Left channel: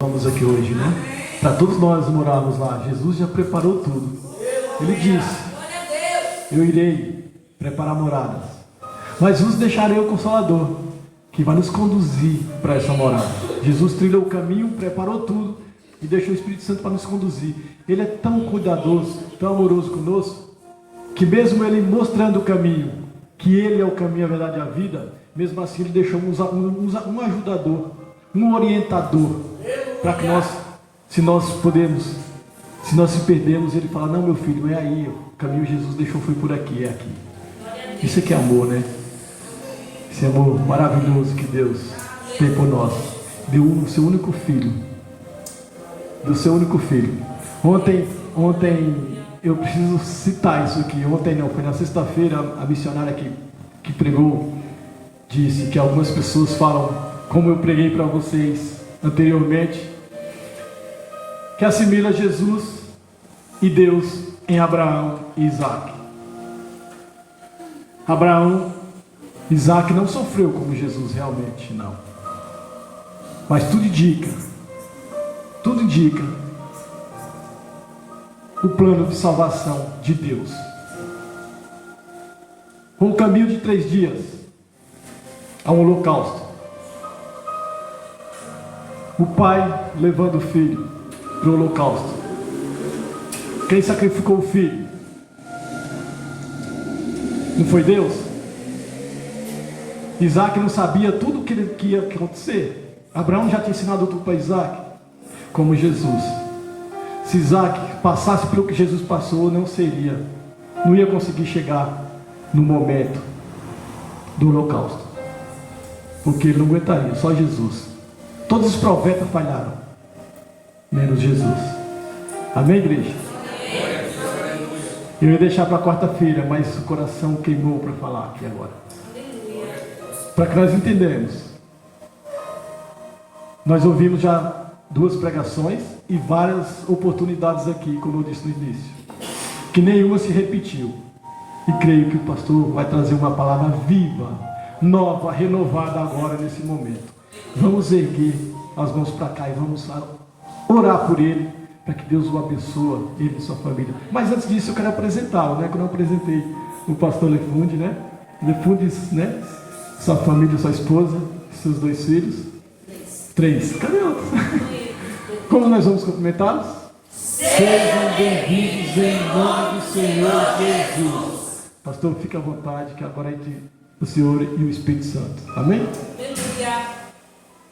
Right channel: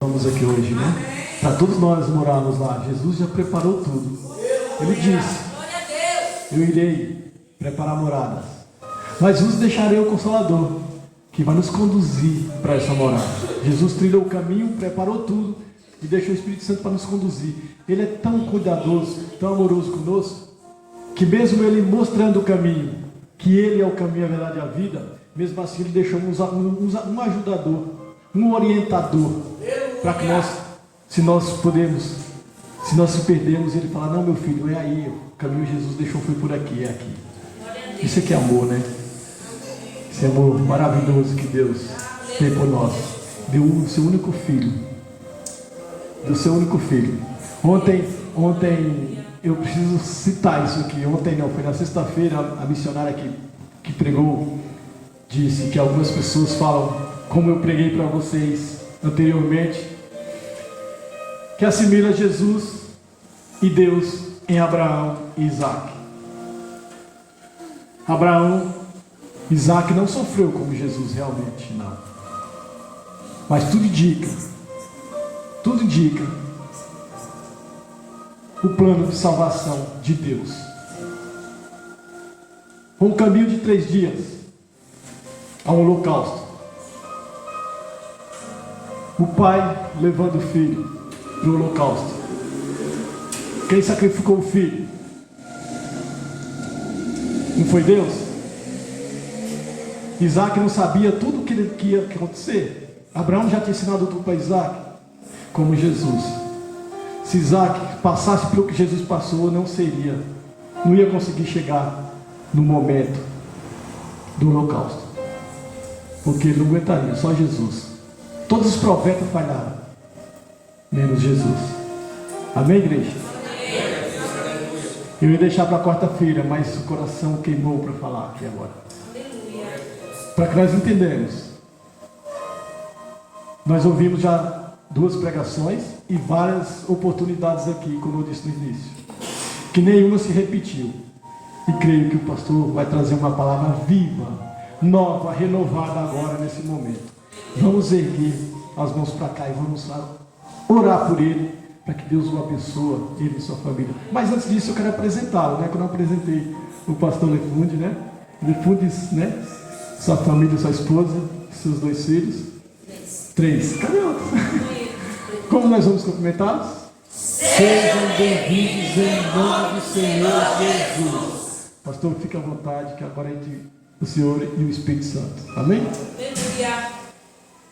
Vamos aqui hoje, né? Para todos nós morarmos lá. Jesus já preparou tudo. Ele disse: eu irei preparar moradas, mas vos deixarei o Consolador, que vai nos conduzir para essa morada. Jesus trilhou o caminho, preparou tudo e deixou o Espírito Santo para nos conduzir. Ele é tão cuidadoso, tão amoroso conosco, que mesmo Ele mostrando o caminho, que Ele é o caminho, a verdade e a vida, mesmo assim Ele deixou um ajudador, um orientador, para que nós, se nós se perdermos, Ele fala: não, meu filho, é aí, o caminho que Jesus deixou foi por aqui, é aqui. Isso aqui é amor, né? Esse amor maravilhoso que Deus tem por nós. Deu o seu único filho. Do seu único filho. Ontem eu preciso citar isso aqui. Ontem não, foi na sexta-feira, a missionária que pregou disse que algumas pessoas falam, como eu preguei para vocês anteriormente, que assimila Jesus e Deus em Abraão e Isaac. Isaac não sofreu como Jesus realmente, não. Mas tudo indica o plano de salvação de Deus. Um caminho de 3 dias ao holocausto. O pai levando o filho para o holocausto. Quem sacrificou o filho? Não foi Deus? Isaac não sabia tudo o que ia acontecer. Abraão já tinha ensinado tudo para Isaac, como Jesus. Se Isaac passasse pelo que Jesus passou, não ia conseguir chegar no momento do holocausto, porque ele não aguentaria, só Jesus. Todos os profetas falharam, menos Jesus. Amém, igreja? Eu ia deixar para quarta-feira, mas o coração queimou para falar aqui agora, para que nós entendamos. Nós ouvimos já 2 pregações e várias oportunidades aqui, como eu disse no início, que nenhuma se repetiu. E creio que o pastor vai trazer uma palavra viva, nova, renovada agora nesse momento. Vamos erguer as mãos para cá e vamos orar por ele, para que Deus o abençoe, ele e sua família. Mas antes disso eu quero apresentá-lo, né? Que eu não apresentei o pastor Lefunde, né? Lefundes, né? Sua família, sua esposa, seus 2 filhos. 3. Cadê outros? Como nós vamos cumprimentá-los? Sejam bem-vindos em nome do Senhor Jesus. Pastor, fique à vontade, que agora é o Senhor e o Espírito Santo. Amém?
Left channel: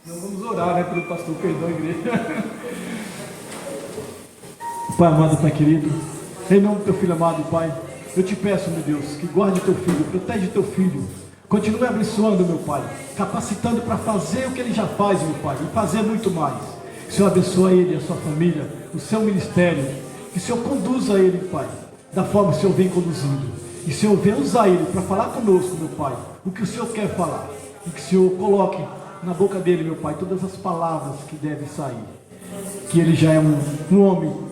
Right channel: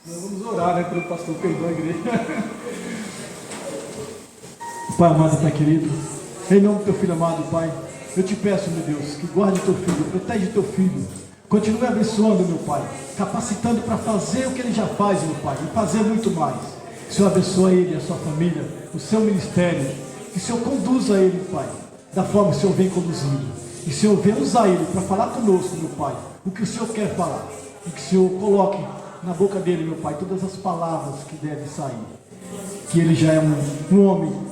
Nós vamos orar, né, pelo pastor, perdão a igreja. Pai amado, Pai querido, em nome do teu filho amado, Pai, eu te peço, meu Deus, que guarde teu filho, protege teu filho, continue abençoando, meu Pai, capacitando para fazer o que ele já faz, meu Pai, e fazer muito mais. Que o Senhor abençoe ele, a sua família, o seu ministério, que o Senhor conduza ele, Pai, da forma que o Senhor vem conduzindo, e o Senhor vem usar ele para falar conosco, meu Pai, o que o Senhor quer falar, e que o Senhor coloque na boca dele, meu Pai, todas as palavras que devem sair, que ele já é um homem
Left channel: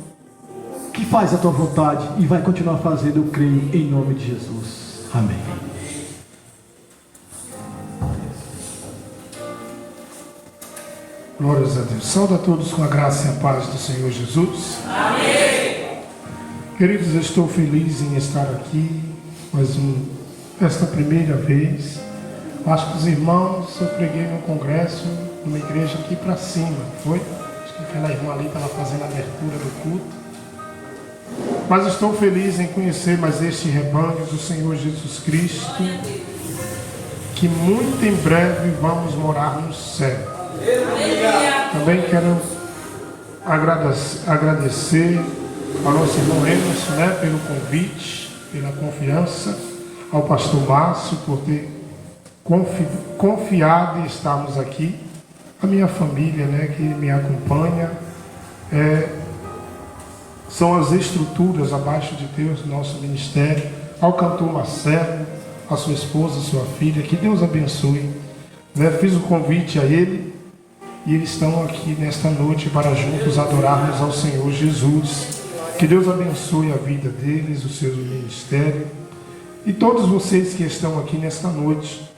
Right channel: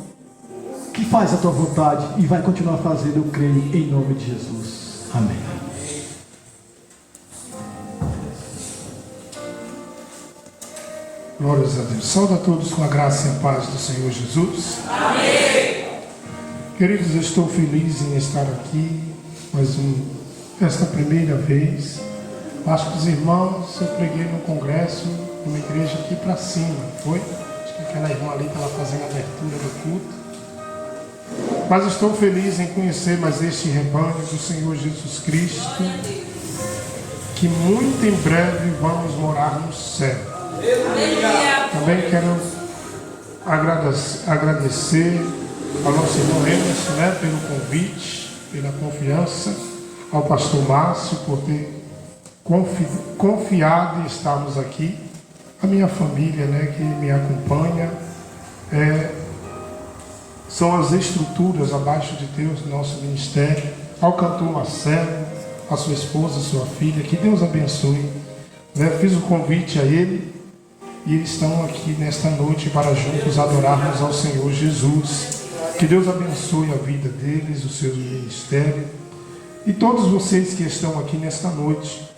que faz a tua vontade e vai continuar fazendo, eu creio, em nome de Jesus. Amém. Glórias a Deus. Saúde a todos com a graça e a paz do Senhor Jesus. Amém. Queridos, eu estou feliz em estar aqui esta primeira vez. Acho que os irmãos, eu preguei no congresso, numa igreja aqui para cima, foi? Acho que aquela irmã ali estava fazendo a abertura do culto. Mas estou feliz em conhecer mais este rebanho do Senhor Jesus Cristo, que muito em breve vamos morar no céu. Também quero agradecer ao nosso irmão Emerson, né, pelo convite, pela confiança, ao pastor Márcio por ter confiado em estarmos aqui, a minha família, né, que me acompanha, são as estruturas abaixo de Deus do nosso ministério, ao cantor Marcelo, a sua esposa, a sua filha, que Deus abençoe. Fiz o convite a ele e eles estão aqui nesta noite para juntos adorarmos ao Senhor Jesus. Que Deus abençoe a vida deles, o seu ministério e todos vocês que estão aqui nesta noite.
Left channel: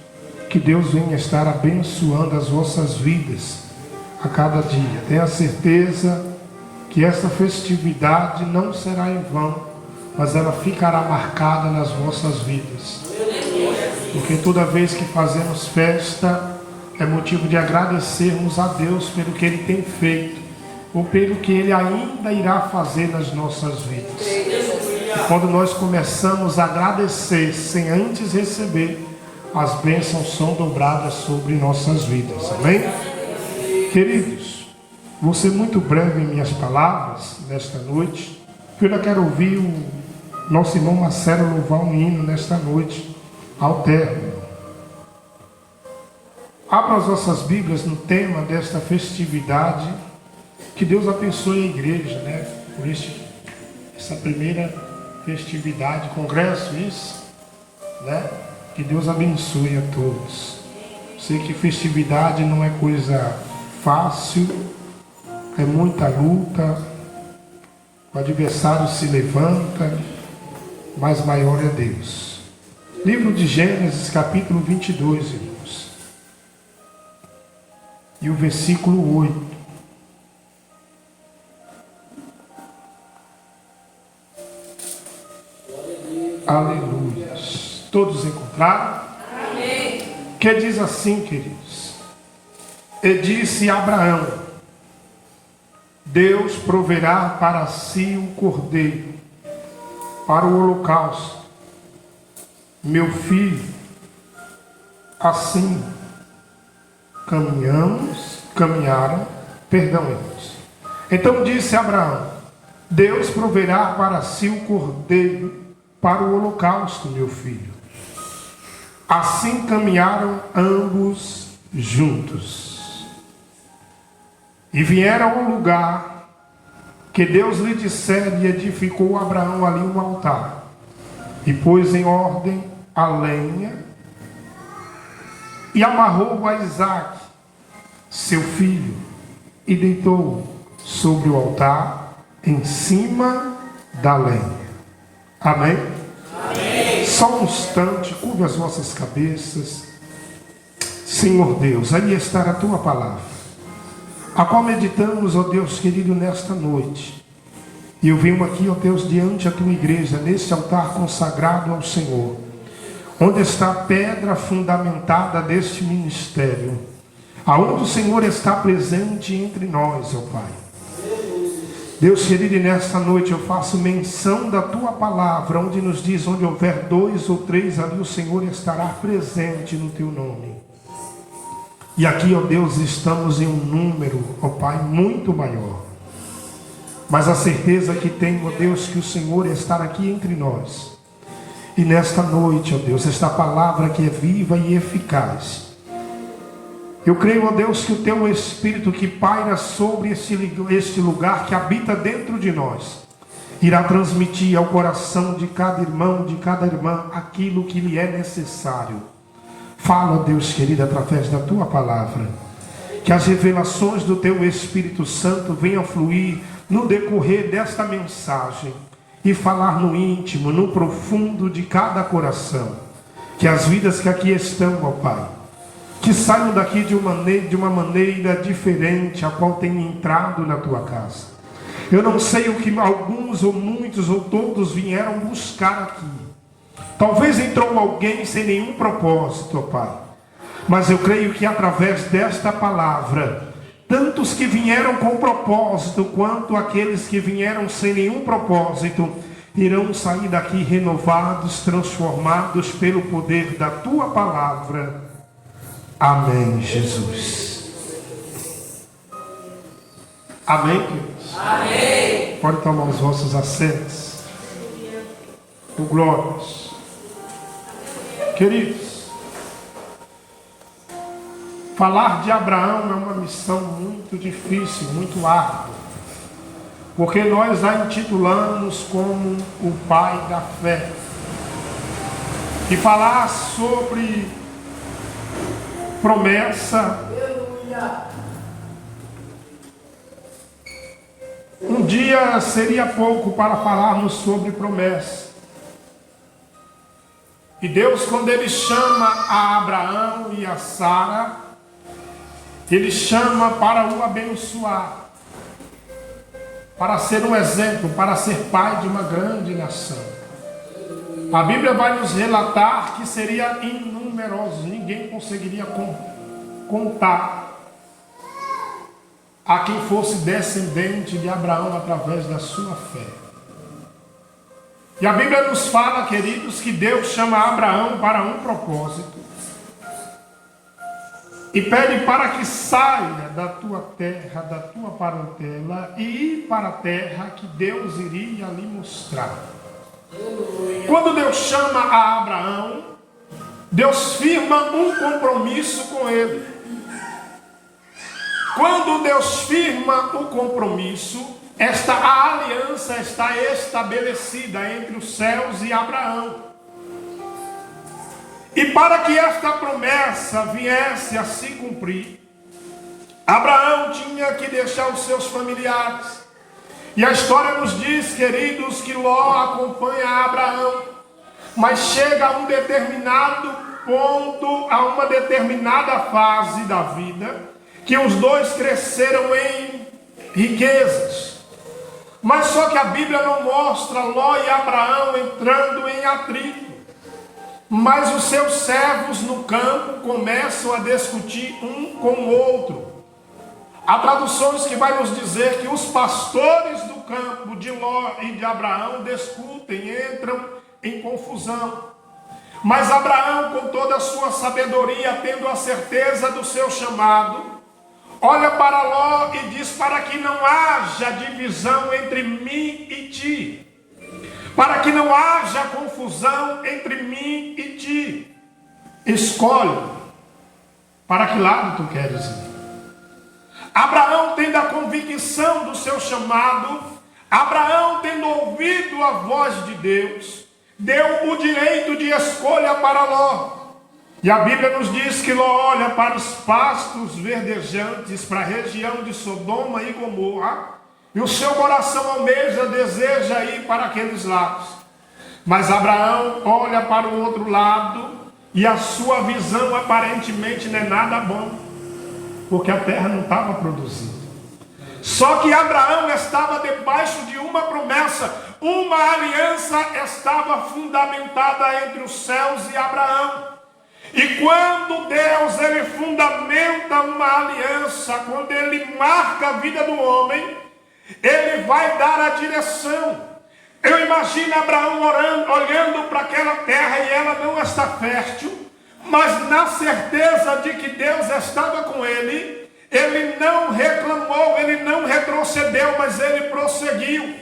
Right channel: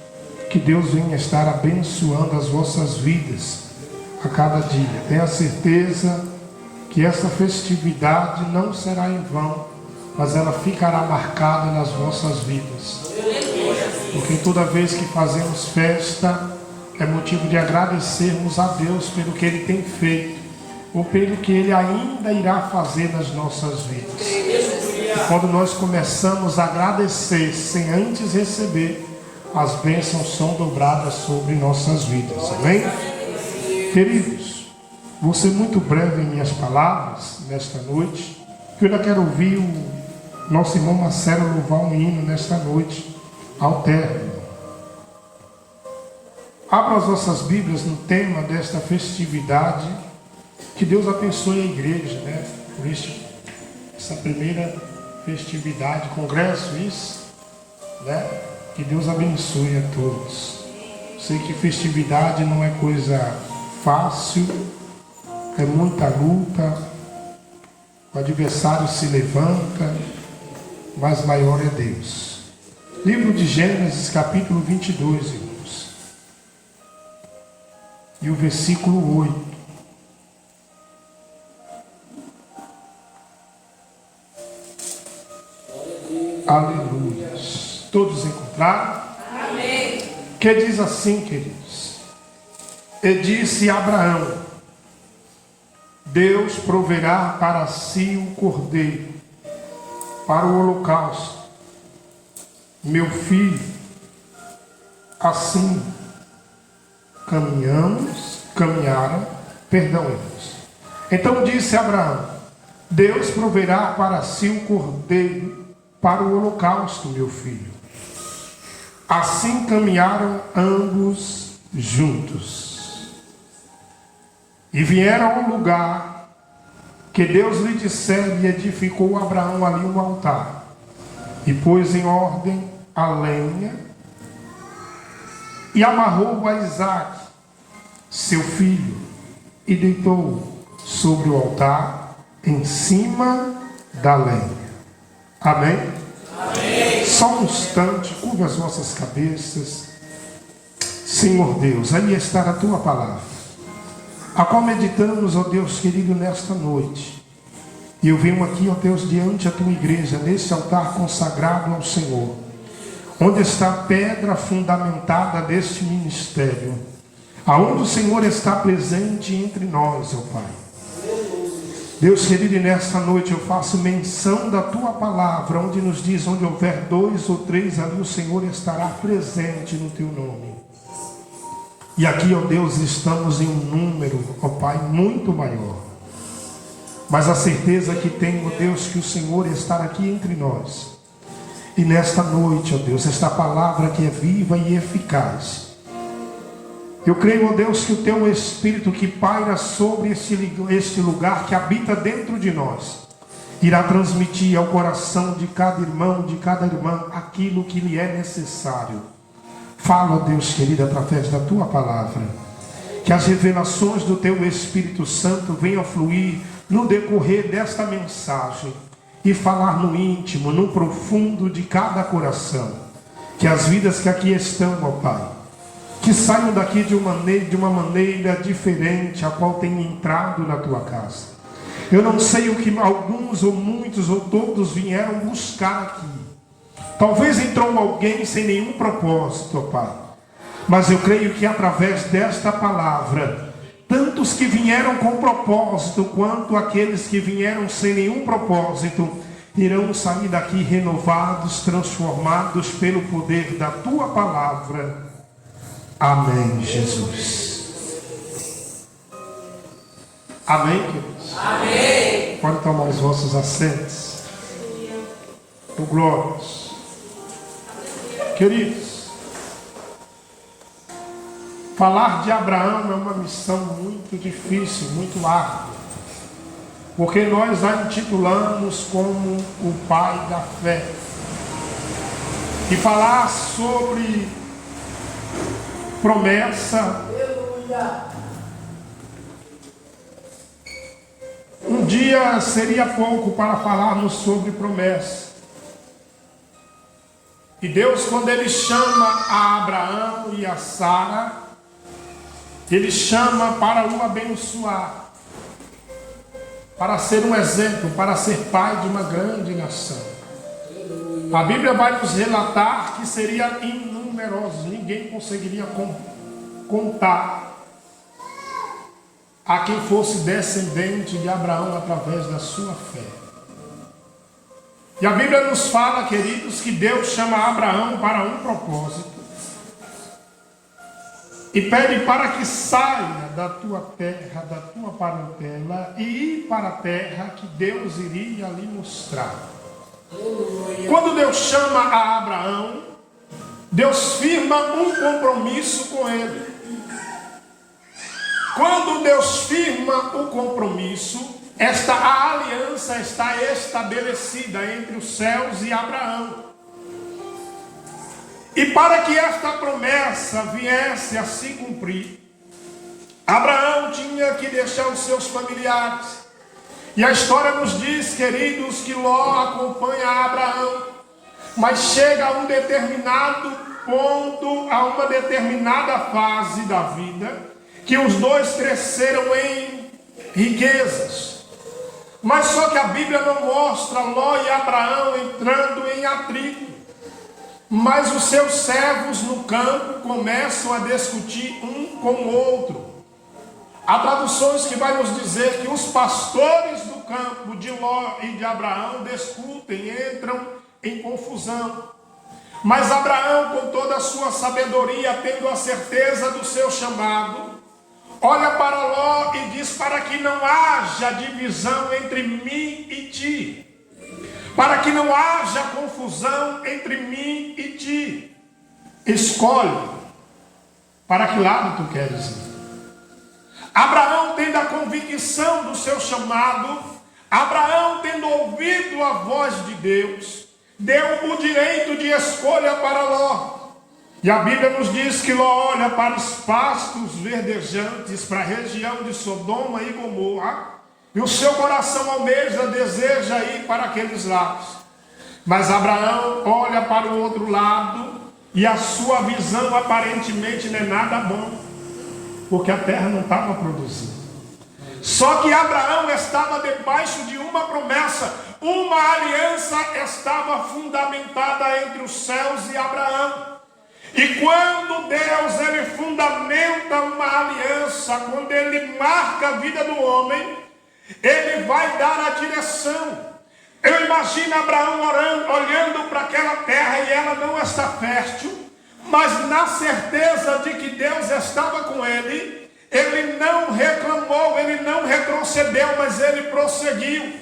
Que Deus venha estar abençoando as vossas vidas, a cada dia. Tenha certeza que essa festividade não será em vão, mas ela ficará marcada nas vossas vidas. Porque toda vez que fazemos festa, é motivo de agradecermos a Deus pelo que Ele tem feito, ou pelo que Ele ainda irá fazer nas nossas vidas. E quando nós começamos a agradecer sem antes receber, as bênçãos são dobradas sobre nossas vidas. Amém? Queridos, vou ser muito breve em minhas palavras nesta noite, porque eu ainda quero ouvir o nosso irmão Marcelo louvar um hino nesta noite, ao término. Abra as vossas Bíblias no tema desta festividade. Que Deus abençoe a igreja, né? Por essa primeira festividade, congresso, isso, né? Que Deus abençoe a todos. Sei que festividade não é coisa fácil, é muita luta, o adversário se levanta, mas maior é Deus. Livro de Gênesis, capítulo 22, irmãos. E o versículo 8. Aleluia. Todos encontraram? Amém. Que diz assim, queridos: e disse Abraão: Deus proverá para si um cordeiro para o holocausto, meu filho. Assim caminharam, irmãos. Então disse Abraão: Deus proverá para si um cordeiro para o holocausto, meu filho. Assim caminharam ambos juntos. E vieram ao lugar que Deus lhe dissera, e edificou Abraão ali um altar. E pôs em ordem a lenha, e amarrou a Isaque, seu filho, e deitou sobre o altar, em cima da lenha. Amém? Amém. Só um instante, curva as vossas cabeças. Senhor Deus, ali está a tua palavra, a qual meditamos, ó Deus querido, nesta noite. E eu venho aqui, ó Deus, diante da tua igreja, nesse altar consagrado ao Senhor, onde está a pedra fundamentada deste ministério, aonde o Senhor está presente entre nós, ó Pai. Deus querido, e nesta noite eu faço menção da tua palavra, onde nos diz: onde houver 2 ou 3, ali o Senhor estará presente no teu nome. E aqui, ó Deus, estamos em um número, ó Pai, muito maior. Mas a certeza que tenho, ó Deus, que o Senhor está aqui entre nós. E nesta noite, ó Deus, esta palavra que é viva e eficaz, eu creio, ó Deus, que o teu Espírito que paira sobre este lugar, que habita dentro de nós, irá transmitir ao coração de cada irmão, de cada irmã, aquilo que lhe é necessário. Fala, ó Deus querido, através da tua palavra, que as revelações do teu Espírito Santo venham fluir no decorrer desta mensagem e falar no íntimo, no profundo de cada coração. Que as vidas que aqui estão, ó Pai, que saiam daqui de uma maneira diferente a qual tem entrado na tua casa. Eu não sei o que alguns ou muitos ou todos vieram buscar aqui. Talvez entrou alguém sem nenhum propósito, ó Pai. Mas eu creio que através desta palavra, tantos que vieram com propósito, quanto aqueles que vieram sem nenhum propósito, irão sair daqui renovados, transformados pelo poder da tua palavra. Amém, Jesus. Amém, queridos? Amém. Pode tomar os vossos assentos. O glórias. Queridos, falar de Abraão é uma missão muito difícil, muito árdua, porque nós a intitulamos como o pai da fé. E falar sobre promessa, um dia seria pouco para falarmos sobre promessa. E Deus, quando Ele chama a Abraão e a Sara, Ele chama para o abençoar, para ser um exemplo, para ser pai de uma grande nação. A Bíblia vai nos relatar que seria inumeroso, ninguém conseguiria contar a quem fosse descendente de Abraão através da sua fé. E a Bíblia nos fala, queridos, que Deus chama Abraão para um propósito e pede para que saia da tua terra, da tua parentela e ir para a terra que Deus iria lhe mostrar. Quando Deus chama a Abraão, Deus firma um compromisso com ele. Quando Deus firma o compromisso, esta aliança está estabelecida entre os céus e Abraão. E para que esta promessa viesse a se cumprir, Abraão tinha que deixar os seus familiares. E a história nos diz, queridos, que Ló acompanha Abraão, mas chega a um determinado ponto, a uma determinada fase da vida, que os dois cresceram em riquezas. Mas só que a Bíblia não mostra Ló e Abraão entrando em atrito. Mas os seus servos no campo começam a discutir um com o outro. Há traduções que vai nos dizer que os pastores do campo de Ló e de Abraão discutem, entram em confusão. Mas Abraão, com toda a sua sabedoria, tendo a certeza do seu chamado, olha para Ló e diz: para que não haja divisão entre mim e ti, para que não haja confusão entre mim e ti, escolhe para que lado tu queres ir. Abraão, tendo a convicção do seu chamado, Abraão, tendo ouvido a voz de Deus, deu o direito de escolha para Ló. E a Bíblia nos diz que Ló olha para os pastos verdejantes, para a região de Sodoma e Gomorra, e o seu coração almeja, deseja ir para aqueles lados. Mas Abraão olha para o outro lado, e a sua visão aparentemente não é nada bom, porque a terra não estava produzindo. Só que Abraão estava debaixo de uma promessa, uma aliança estava fundamentada entre os céus e Abraão. E quando Deus ele fundamenta uma aliança, quando ele marca a vida do homem, ele vai dar a direção. Eu imagino Abraão olhando para aquela terra e ela não está fértil, mas na certeza de que Deus estava com ele, ele não reclamou, ele não retrocedeu, mas ele prosseguiu.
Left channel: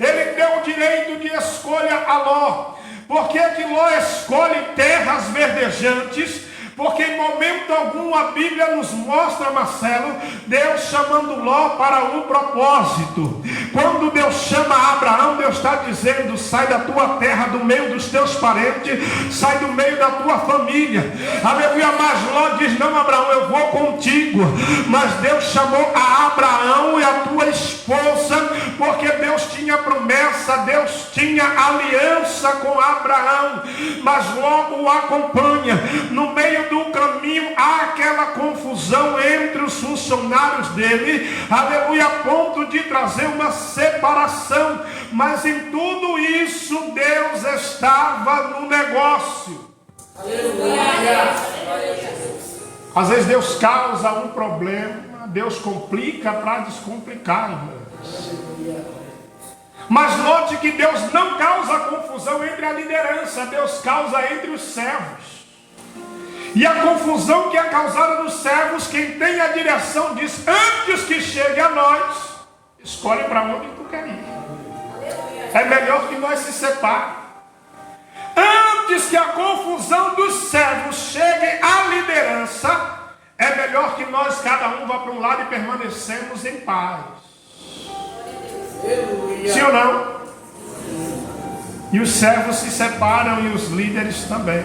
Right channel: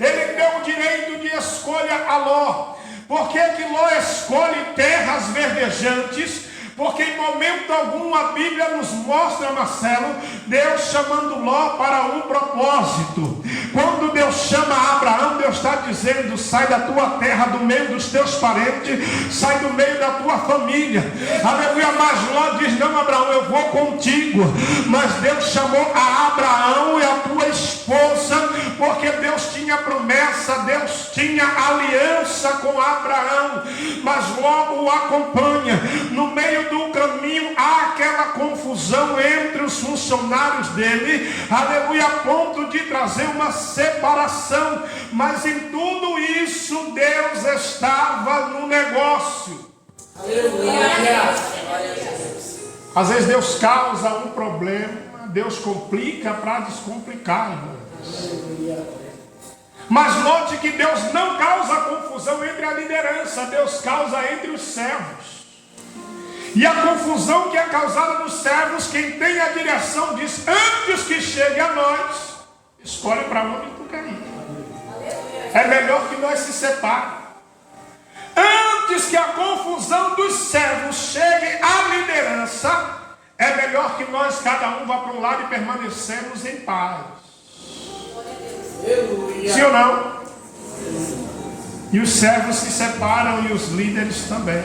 Ele deu o direito de escolha a Ló. Por que que Ló escolhe terras verdejantes? Porque em momento algum a Bíblia nos mostra, Marcelo, Deus chamando Ló para um propósito. Quando Deus chama Abraão, Deus está dizendo: sai da tua terra, do meio dos teus parentes, sai do meio da tua família. Aleluia. Mas Ló diz: não, Abraão, eu vou contigo. Mas Deus chamou a Abraão e a tua esposa, porque Deus tinha promessa, Deus tinha aliança com Abraão. Mas logo o acompanha. No meio do caminho há aquela confusão entre os funcionários dele, aleluia, a ponto de trazer uma separação. Mas em tudo isso Deus estava no negócio. Aleluia. Às vezes Deus causa um problema, Deus complica para descomplicar, irmãos. Mas note que Deus não causa confusão entre a liderança, Deus causa entre os servos. E a confusão que é causada nos servos, quem tem a direção diz: antes que chegue a nós, escolhe para onde tu quer ir. É melhor que nós se separemos. Antes que a confusão dos servos chegue à liderança, é melhor que nós, cada um, vá para um lado e permanecemos em paz. Sim ou não? E os servos se separam e os líderes também.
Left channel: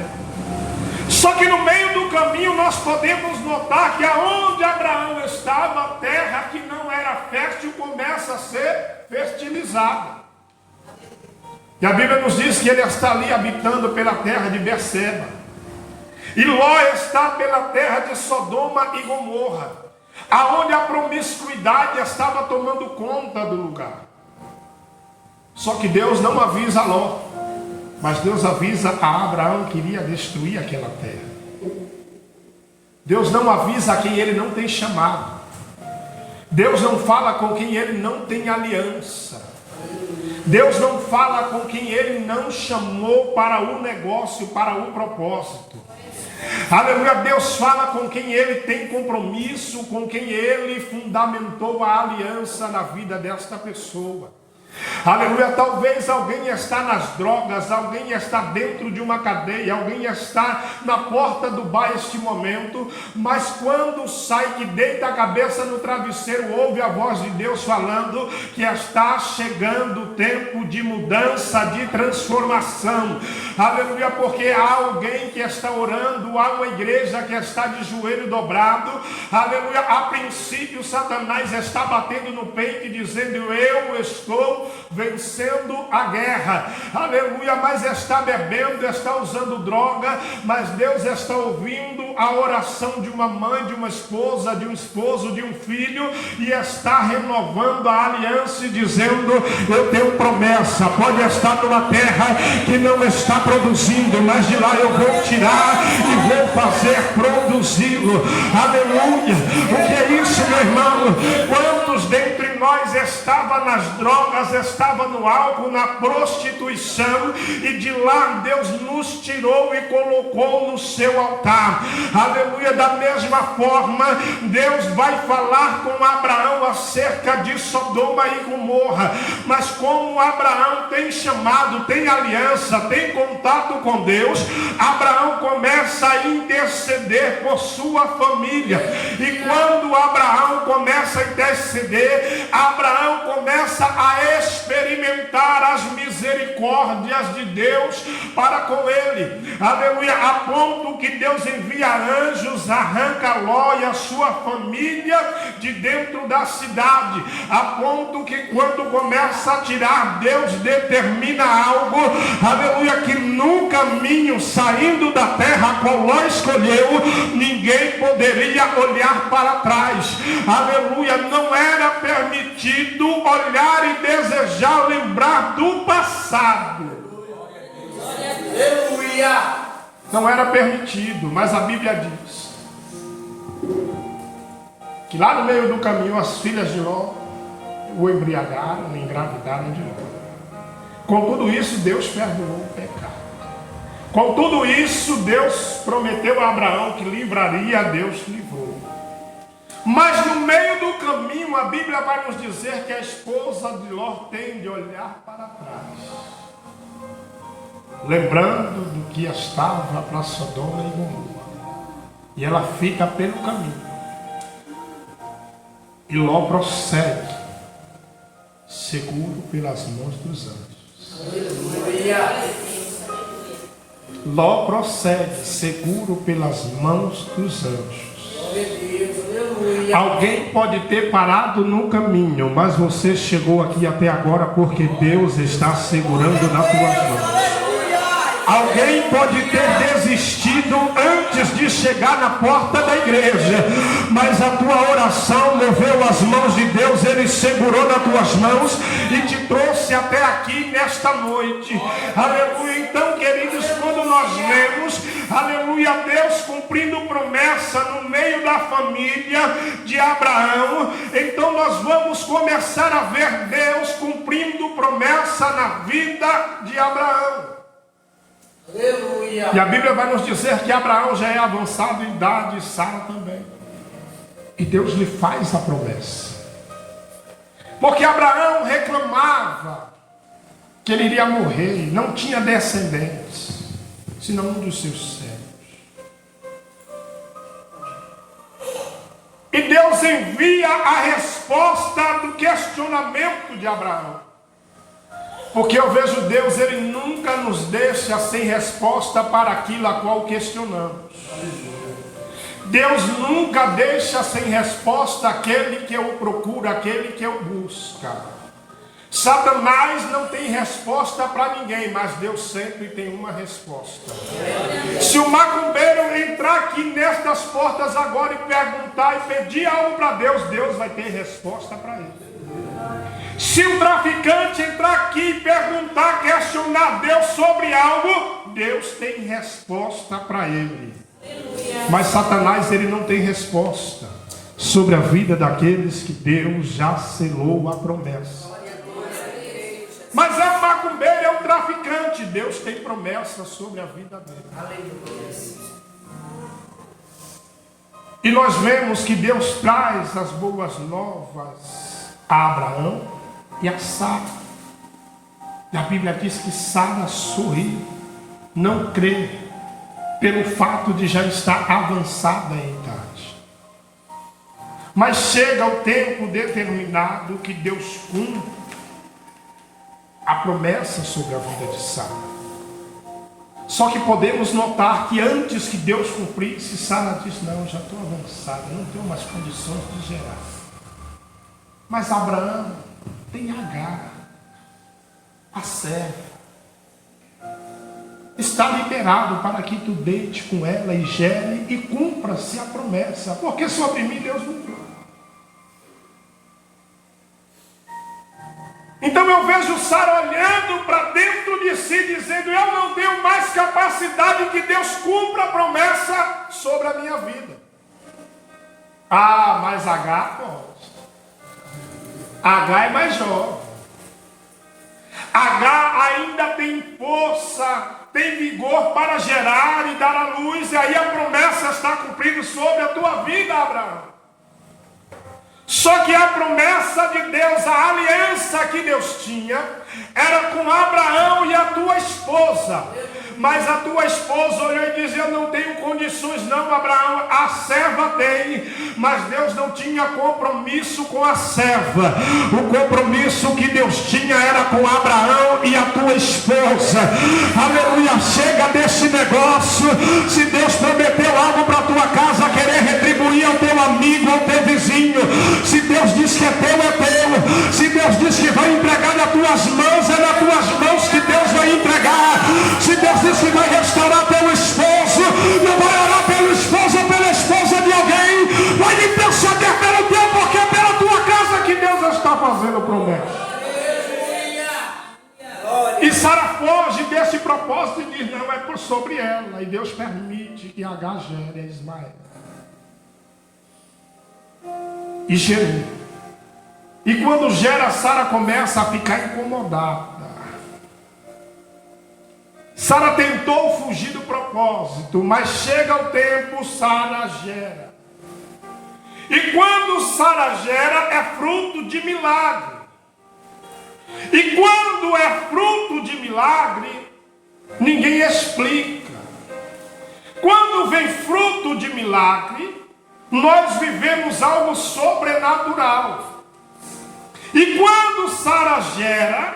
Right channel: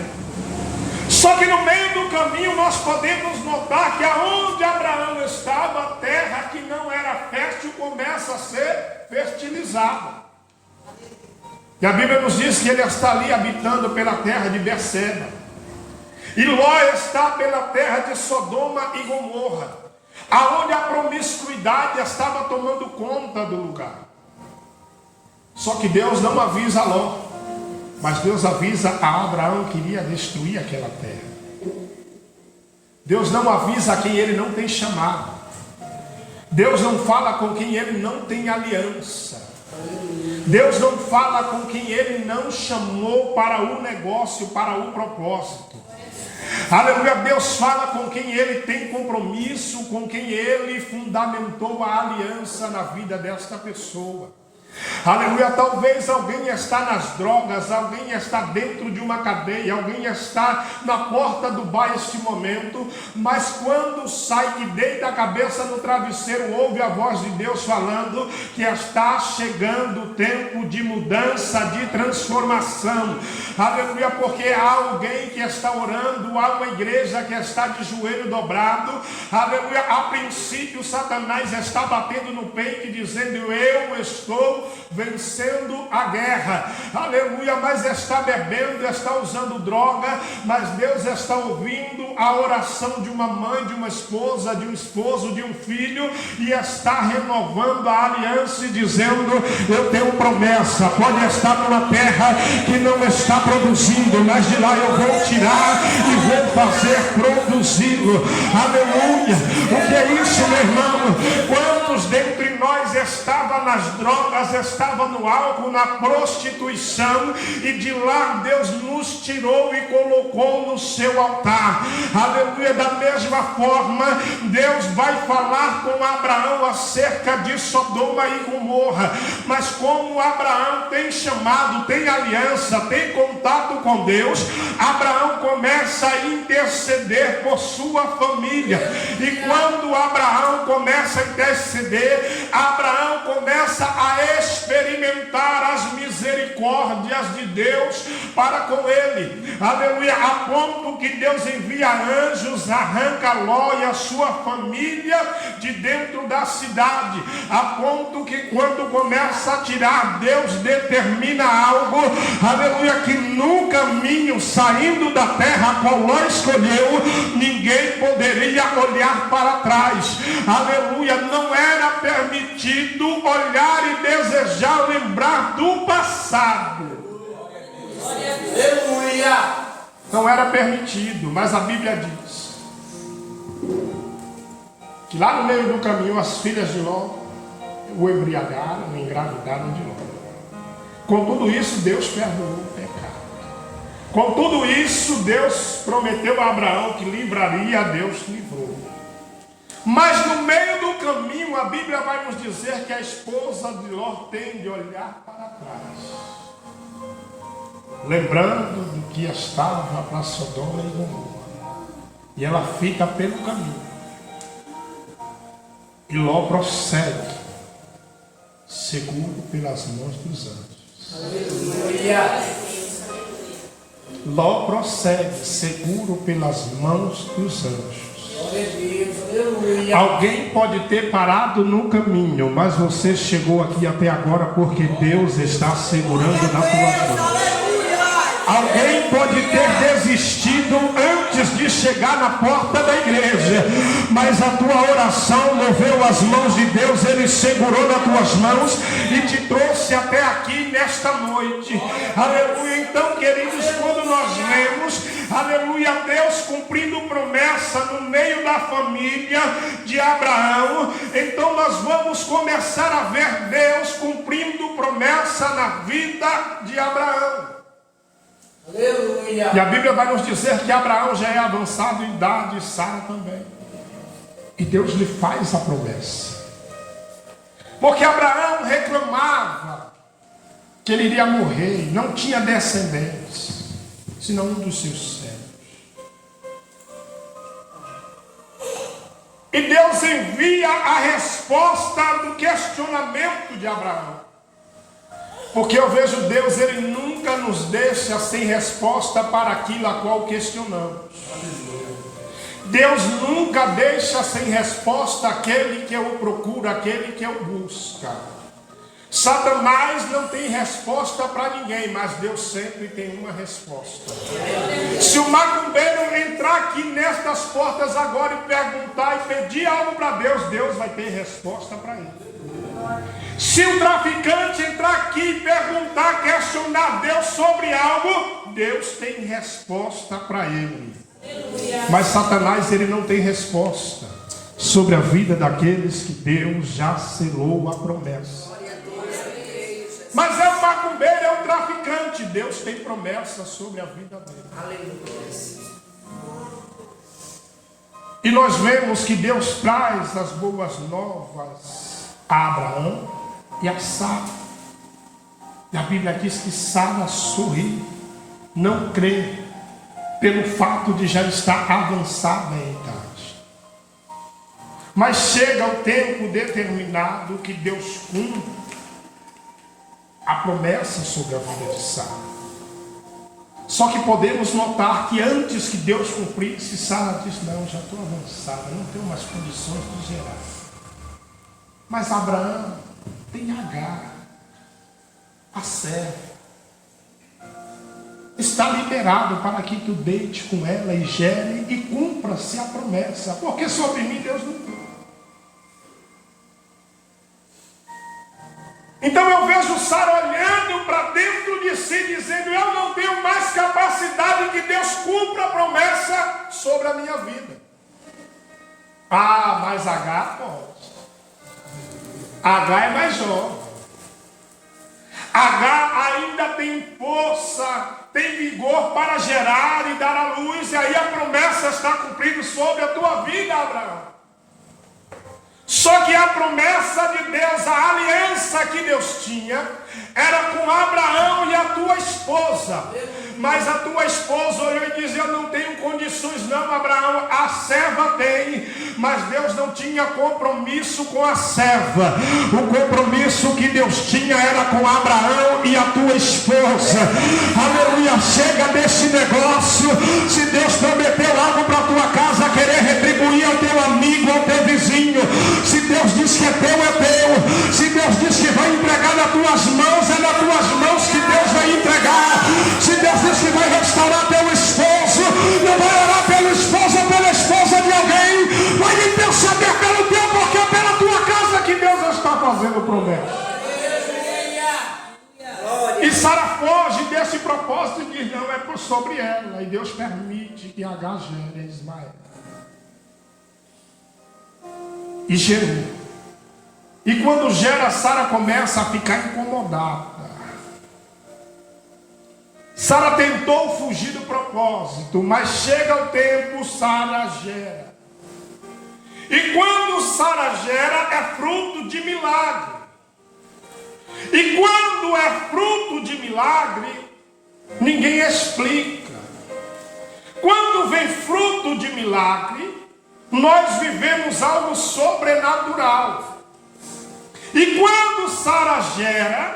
Só que no meio do caminho nós podemos notar que aonde Abraão estava, a terra que não era fértil começa a ser fertilizada. E a Bíblia nos diz que ele está ali habitando pela terra de Berseba. E Ló está pela terra de Sodoma e Gomorra. aonde a promiscuidade estava tomando conta do lugar. Só que Deus não avisa Ló, mas Deus avisa a Abraão que iria destruir aquela terra. Deus não avisa a quem ele não tem chamado. Deus não fala com quem ele não tem aliança. Deus não fala com quem ele não chamou para o negócio, para o propósito. Aleluia. Deus fala com quem ele tem compromisso, com quem ele fundamentou a aliança na vida desta pessoa. Aleluia. Talvez alguém está nas drogas, alguém está dentro de uma cadeia, alguém está na porta do bar este momento, mas quando sai, que deita a cabeça no travesseiro, ouve a voz de Deus falando que está chegando o tempo de mudança, de transformação. Aleluia. Porque há alguém que está orando, há uma igreja que está de joelho dobrado. Aleluia. A princípio Satanás está batendo no peito e dizendo: eu estou vencendo a guerra, aleluia, mas está bebendo, está usando droga, mas Deus está ouvindo a oração de uma mãe, de uma esposa, de um esposo, de um filho, e está renovando a aliança e dizendo: eu tenho promessa, pode estar numa terra que não está produzindo, mas de lá eu vou tirar e vou fazer produzi-lo. Aleluia. O que é isso, meu irmão? Quantos dentre nós estavam nas drogas, estava no álcool, na prostituição, e de lá Deus nos tirou e colocou no seu altar. Aleluia. Da mesma forma, Deus vai falar com Abraão acerca de Sodoma e Gomorra, mas como Abraão tem chamado, tem aliança, tem contato com Deus, Abraão começa a interceder por sua família, e quando Abraão começa a interceder, Abraão começa a experimentar as misericórdias de Deus para com ele. Aleluia. A ponto que Deus envia anjos, arranca Ló e a sua família de dentro da cidade, a ponto que quando começa a tirar, Deus determina algo, aleluia, que no caminho saindo da terra a qual Ló escolheu, ninguém poderia olhar para trás. Aleluia. Não era permitido olhar e desejar lembrar do passado. Não era permitido, mas a Bíblia diz que lá no meio do caminho as filhas de Ló o embriagaram, o engravidaram de Ló. Com tudo isso, Deus perdoou o pecado. Com tudo isso, Deus prometeu a Abraão que livraria, Deus livrou. Mas no meio do caminho, a Bíblia vai nos dizer que a esposa de Ló tem de olhar para trás, lembrando do que estava para Sodoma e Gomorra, e ela fica pelo caminho, e Ló prossegue, seguro pelas mãos dos anjos. Ló prossegue, seguro pelas mãos dos anjos. Alguém pode ter parado no caminho, mas você chegou aqui até agora porque Deus está segurando nas tuas mãos. Alguém pode ter desistido antes de chegar na porta da igreja, mas a tua oração moveu as mãos de Deus, Ele segurou nas tuas mãos e te trouxe até aqui nesta noite. Aleluia. Então, queridos, quando nós vemos, aleluia, Deus cumprindo promessa no meio da família de Abraão, então nós vamos começar a ver Deus cumprindo promessa na vida de Abraão. Aleluia. E a Bíblia vai nos dizer que Abraão já é avançado em idade, e Sara também. E Deus lhe faz a promessa. Porque Abraão reclamava que ele iria morrer, não tinha descendentes, senão um dos seus servos. E Deus envia a resposta do questionamento de Abraão. Porque eu vejo Deus, Ele nunca nos deixa sem resposta para aquilo a qual questionamos. Deus nunca deixa sem resposta aquele que o procura, aquele que o busca. Satanás não tem resposta para ninguém, mas Deus sempre tem uma resposta. Se o macumbeiro entrar aqui nestas portas agora e perguntar e pedir algo para Deus, Deus vai ter resposta para ele. Se o traficante entrar aqui e perguntar, questionar Deus sobre algo, Deus tem resposta para ele. Mas Satanás, ele não tem resposta sobre a vida daqueles que Deus já selou a promessa. Mas é o macumbeiro, é o traficante, Deus tem promessa sobre a vida dele. E nós vemos que Deus traz as boas novas a Abraão e a Sara. E a Bíblia diz que Sara sorri, não crê, pelo fato de já estar avançada em idade. Mas chega o tempo determinado que Deus cumpre a promessa sobre a vida de Sara. Só que podemos notar que antes que Deus cumprisse, Sara diz: não, já estou avançada, não tenho mais condições de gerar. Mas Abraão tem Agar, a serva, está liberado para que tu deite com ela e gere e cumpra-se a promessa, porque sobre mim Deus não tem. Então eu vejo Sara olhando para dentro de si, dizendo: eu não tenho mais capacidade que Deus cumpra a promessa sobre a minha vida. Ah, mas Agar pode. Agar é mais jovem. Agar ainda tem força, tem vigor para gerar e dar à luz, e aí a promessa está cumprida sobre a tua vida, Abraão. Só que a promessa de Deus, a aliança que Deus tinha, era com Abraão e a tua esposa. Mas a tua esposa olhou e disse: eu não tenho condições não, Abraão, a serva tem. Mas Deus não tinha compromisso com a serva. O compromisso que Deus tinha era com Abraão e a tua esposa. Aleluia, chega desse negócio. Se Deus prometeu algo para a tua casa, querer retribuir ao teu amigo, ao teu vizinho. Se Deus diz que é teu, é teu. Se Deus diz que vai entregar nas tuas mãos, é nas tuas mãos que Deus vai entregar. Se Deus diz que vai restaurar teu esposo, não vai orar pelo esposo ou pela esposa de alguém, vai interceder pelo teu, porque é pela tua casa que Deus está fazendo promessa. E Sara foge desse propósito e diz: não, é por sobre ela. E Deus permite que Agar gere Ismael. E gerou. E quando gera, Sara começa a ficar incomodada. Sara tentou fugir do propósito, mas chega o tempo, Sara gera. E quando Sara gera, é fruto de milagre. E quando é fruto de milagre, ninguém explica. Quando vem fruto de milagre, nós vivemos algo sobrenatural. E quando Sara gera,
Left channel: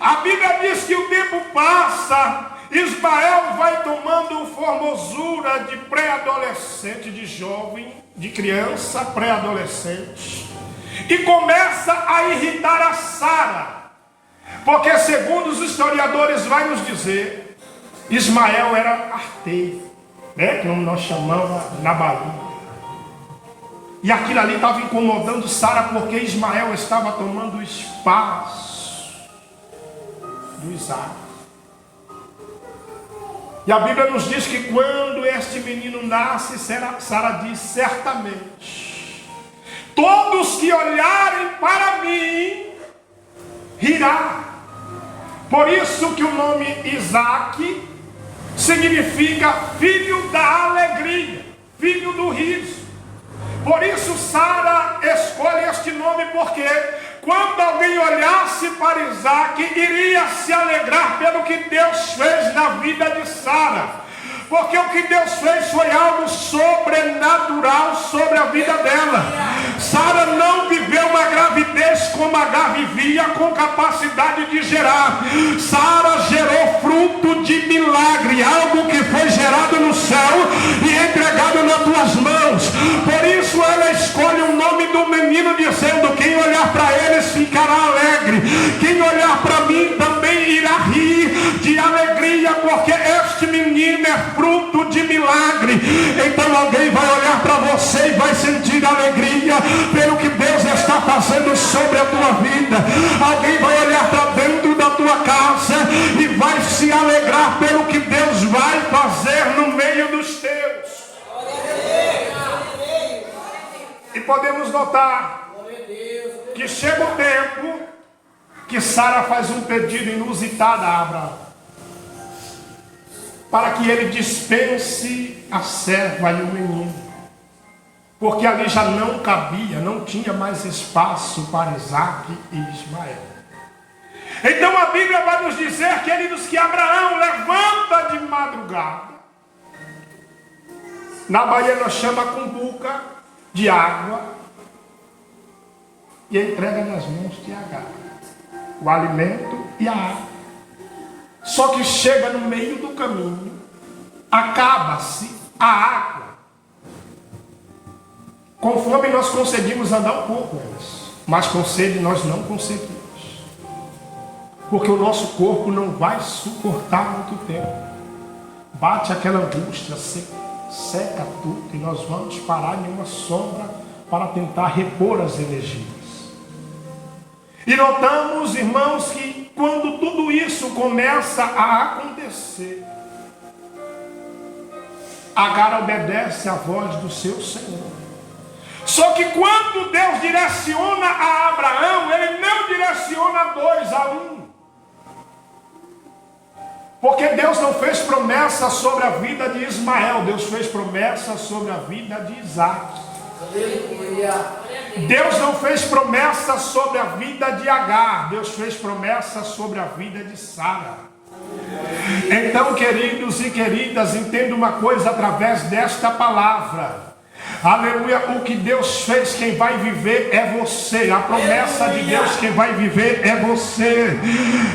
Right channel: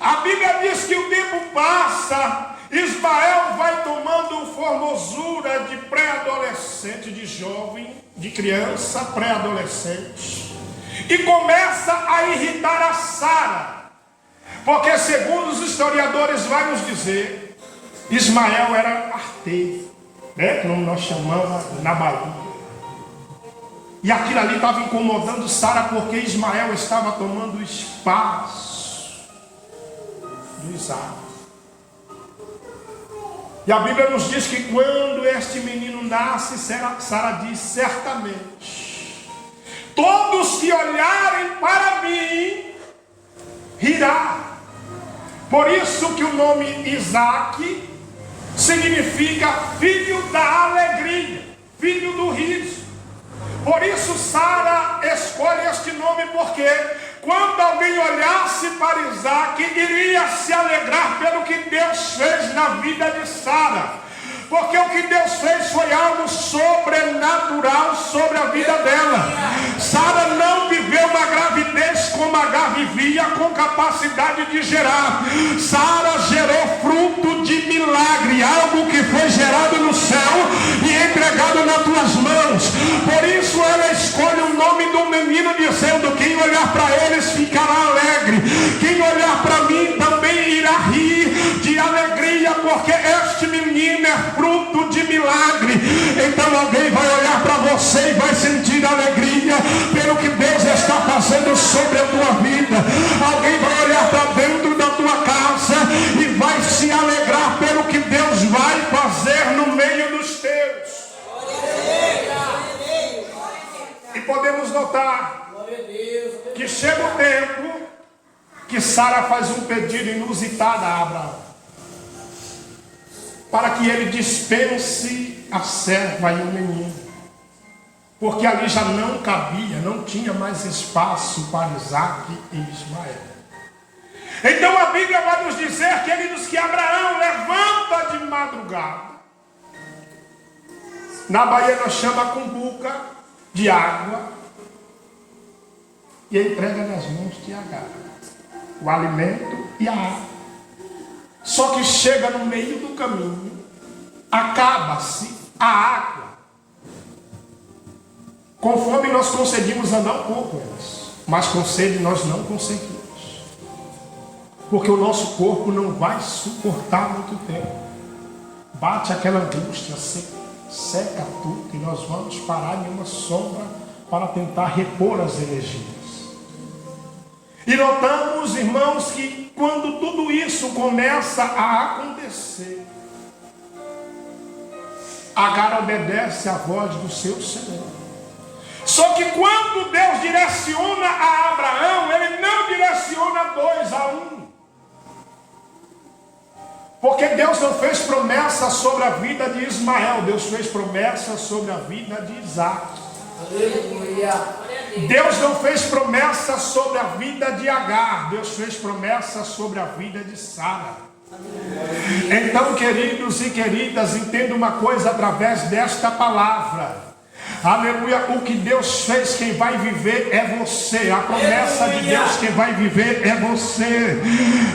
a Bíblia diz que o tempo passa, Ismael vai tomando formosura de pré-adolescente, de jovem, de criança, pré-adolescente, e começa a irritar a Sara, porque segundo os historiadores vai nos dizer, Ismael era arteiro, né, como nós chamamos na Bahia. E aquilo ali estava incomodando Sara, porque Ismael estava tomando o espaço do Isaac. E a Bíblia nos diz que quando este menino nasce, Sara diz: certamente todos que olharem para mim rirá. Por isso que o nome Isaac significa filho da alegria, filho do riso. Por isso Sara escolhe este nome, porque quando alguém olhasse para Isaac, iria se alegrar pelo que Deus fez na vida de Sara. Porque o que Deus fez foi algo sobrenatural sobre a vida dela. Sara não viveu uma gravidez como Agar vivia, com capacidade de gerar. Sara gerou fruto de milagre, algo que foi gerado no céu e entregado nas tuas mãos. Por isso ela escolhe o nome do menino, dizendo: quem olhar para eles ficará alegre. Quem sobre a tua vida. Alguém vai olhar para dentro da tua casa e vai se alegrar pelo que Deus vai fazer no meio dos teus. E podemos notar que chega o tempo que Sara faz um pedido inusitado a Abraão, para que ele dispense a serva e o menino, porque ali já não cabia, não tinha mais espaço para Isaque e Ismael. Então a Bíblia vai nos dizer, queridos, que Abraão levanta de madrugada, na Bahia nós chama cumbuca de água, e entrega nas mãos de Agar o alimento e a água. Só que chega no meio do caminho, acaba-se a água. Com fome nós conseguimos andar um pouco, mas com sede nós não conseguimos, porque o nosso corpo não vai suportar muito tempo. Bate aquela angústia, seca tudo, e nós vamos parar em uma sombra para tentar repor as energias. E notamos, irmãos, que quando tudo isso começa a acontecer, Agar obedece à voz do seu Senhor. Só que quando Deus direciona a Abraão, Ele não direciona 2 a 1. Porque Deus não fez promessa sobre a vida de Ismael, Deus fez promessa sobre a vida de Isaque. Deus não fez promessa sobre a vida de Agar, Deus fez promessa sobre a vida de Sara. Então, queridos e queridas, entenda uma coisa através desta palavra. Aleluia, o que Deus fez, quem vai viver é você. A promessa de Deus, quem vai viver é você.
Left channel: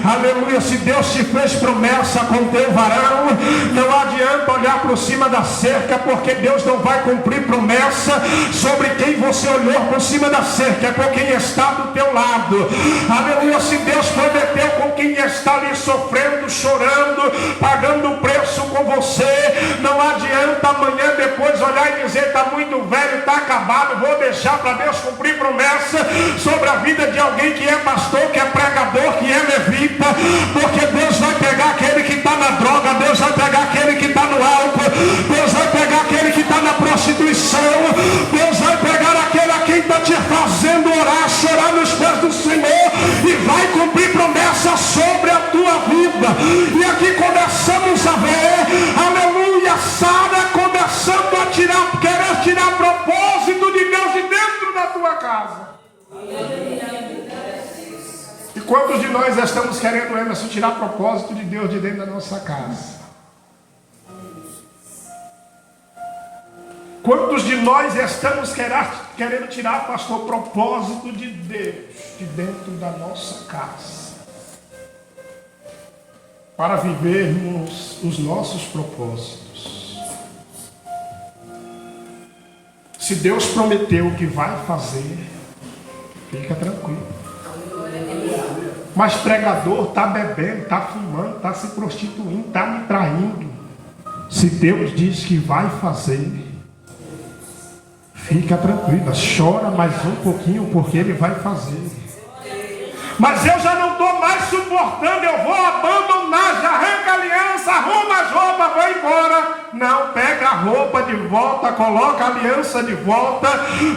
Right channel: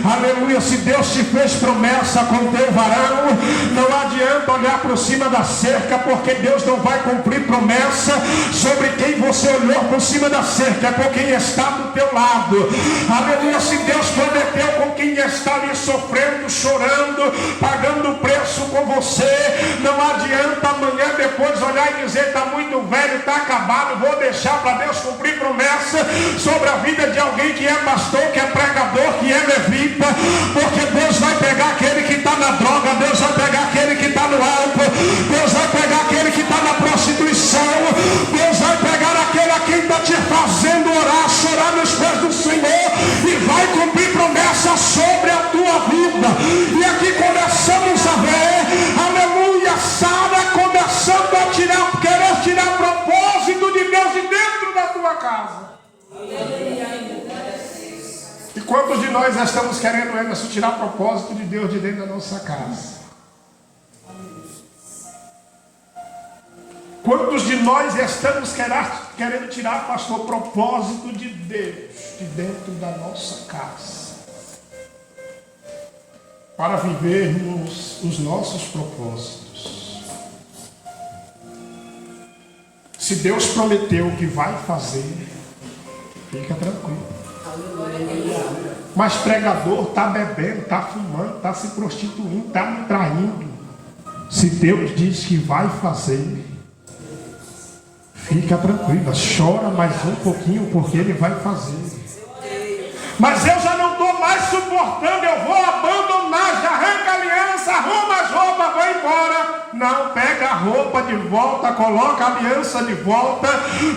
Aleluia, se Deus te fez promessa com o teu varão, não adianta olhar por cima da cerca, porque Deus não vai cumprir promessa sobre quem você olhou por cima da cerca, por quem está do teu lado. Aleluia, se Deus prometeu com quem está ali sofrendo, chorando, pagando o preço com você, não adianta amanhã depois olhar e dizer, está muito velho, está acabado, vou deixar para Deus cumprir promessa sobre a vida de alguém que é pastor, que é pregador, que é levita, porque Deus vai pegar aquele que está na droga, Deus vai pegar aquele que está no álcool, Deus vai pegar aquele que está na prostituição, Deus vai pegar aquele a quem está te fazendo orar, chorar nos pés do Senhor, e vai cumprir promessa sobre a tua vida. E aqui começamos a ver, aleluia, Sara começando a querer tirar propósito de Deus de dentro da tua casa. E quantos de nós estamos querendo, Emerson, tirar propósito de Deus de dentro da nossa casa? Quantos de nós estamos querendo tirar, pastor, propósito de Deus de dentro da nossa casa, para vivermos os nossos propósitos? Se Deus prometeu que vai fazer, fica tranquilo. Mas pregador está bebendo, está fumando, está se prostituindo, está me traindo. Se Deus diz que vai fazer, fica tranquila, chora mais um pouquinho, porque Ele vai fazer. Mas eu já não estou mais suportando, eu vou abandonar, já arranca a aliança, arruma as roupas, vou embora. Não, pega a roupa de volta, coloca a aliança de volta.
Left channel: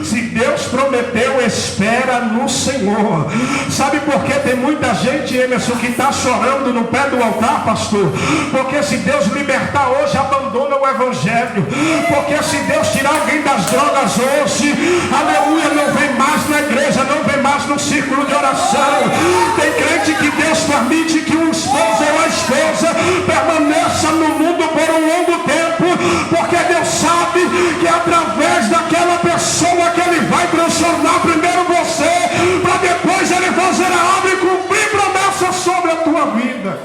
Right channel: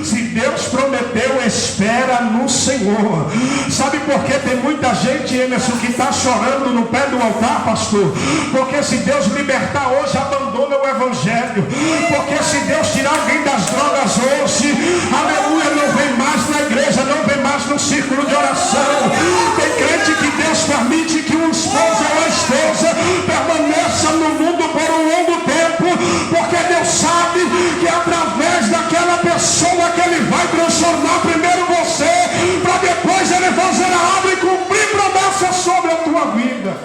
Se Deus prometeu, espera no Senhor. Sabe por que tem muita gente, Emerson, que está chorando no pé do altar, pastor? Porque se Deus libertar hoje, abandona o Evangelho. Porque se Deus tirar alguém das drogas hoje, aleluia, não vem mais na igreja, não vem mais no círculo de oração. Tem crente que Deus permite que um esposo ou uma esposa permaneça no mundo por um longo tempo, porque Deus sabe que através daquela pessoa que Ele vai transformar primeiro você, para depois Ele fazer a obra e cumprir promessa sobre a tua vida.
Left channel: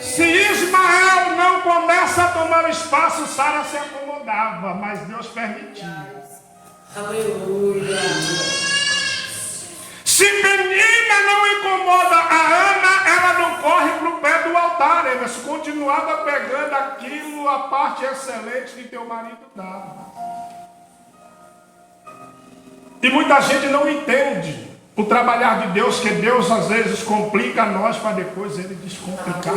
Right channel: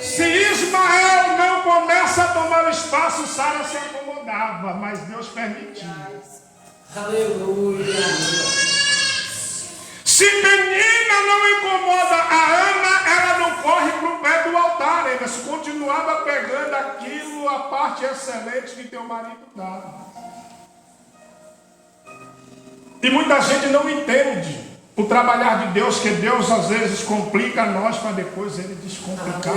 Se Ismael não começa a tomar o espaço, Sara se acomodava, mas Deus permitiu. Aleluia. Se menina não incomoda a Ana, ela não corre para o pé do altar. Ela continuava pegando aquilo, a parte excelente que teu marido dava. E muita gente não entende o trabalhar de Deus, que Deus às vezes complica a nós para depois Ele descomplicar.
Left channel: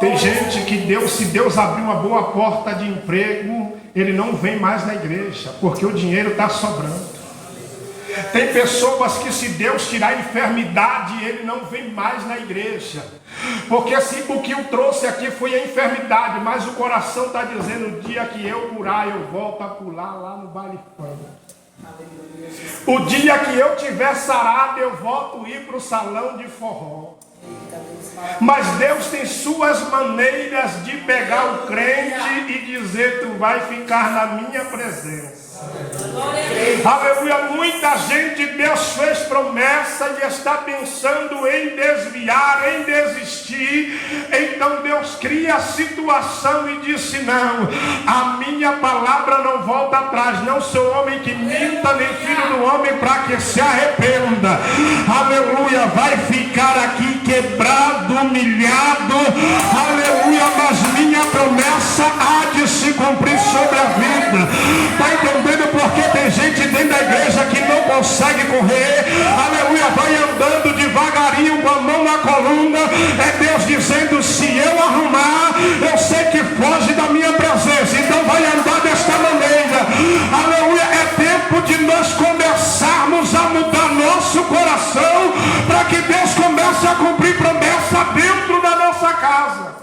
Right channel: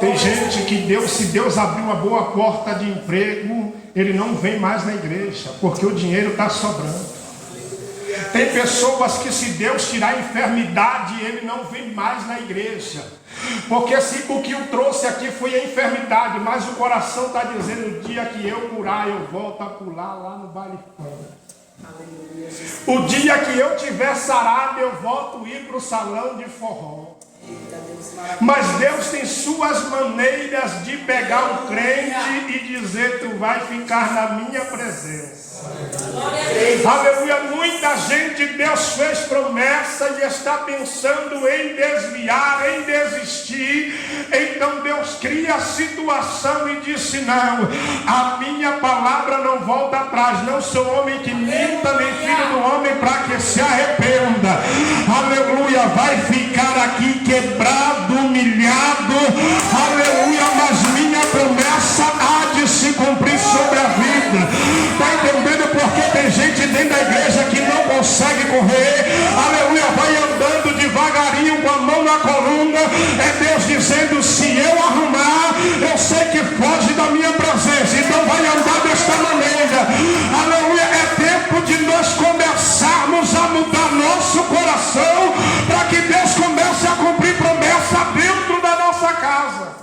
Tem gente que se Deus abrir uma boa porta de emprego, ele não vem mais na igreja, porque o dinheiro está sobrando. Tem pessoas que se Deus tirar a enfermidade, ele não vem mais na igreja. Porque o que o trouxe aqui foi a enfermidade, mas o coração está dizendo, o dia que eu curar, eu volto a pular lá no baile funk. O dia que eu tiver sarado, eu volto a ir para o salão de forró. Mas Deus tem suas maneiras de pegar o crente e dizer, tu vai ficar na minha presença. Aleluia. Muita gente, Deus fez promessa e está pensando em desviar, em desistir. Então Deus cria a situação e disse, não, a minha palavra não volta atrás. Não sou homem que minta, nem filho do homem para que se arrependa. Aleluia. Vai ficar aqui quebrado, humilhado. Aleluia. Mas minha promessa há de se cumprir sobre a vida. Está entendendo? Porque tem gente dentro da igreja que não consegue correr, aleluia, vai andando devagarinho com a mão na coluna. É Deus dizendo, se eu arrumar, eu sei que foge da minha presença, então vai andar desta maneira. Aleluia. É tempo de nós começarmos a mudar nosso coração, para que Deus comece a cumprir promessa dentro da nossa casa.